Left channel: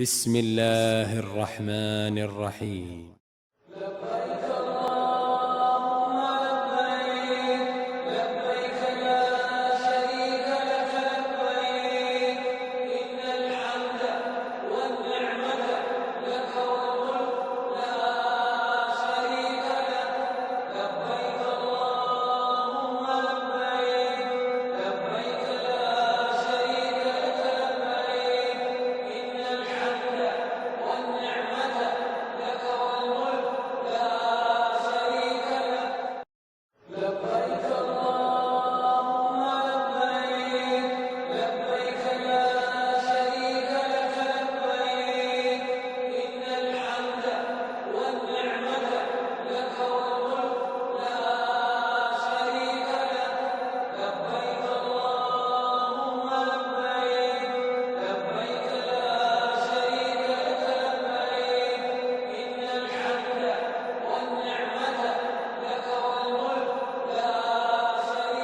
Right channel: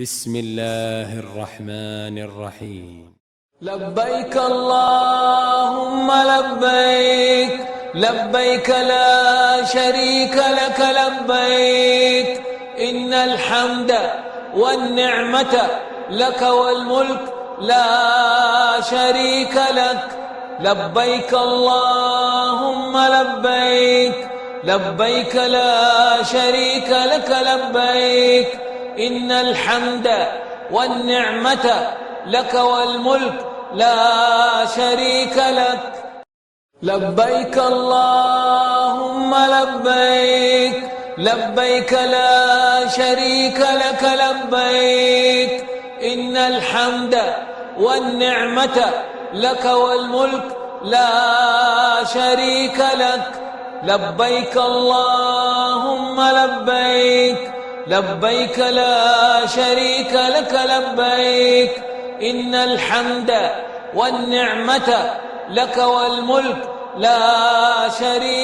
بسم الله الرحمن الرحيم. لبيك اللهم لبيك، لبيك لا شريك لك لبيك، إن الحمد والنعمة لك والملك لا شريك لك. لبيك اللهم لبيك، لبيك لا شريك لك لبيك، إن الحمد والنعمة لك والملك لا شريك لك. لبيك اللهم لبيك، لبيك لا شريك لك لبيك، إن الحمد والنعمة لك والملك لا شريك لك. لبيك اللهم لبيك، لبيك لا شريك لك لبيك، إن الحمد والنعمة لك والملك لا شريك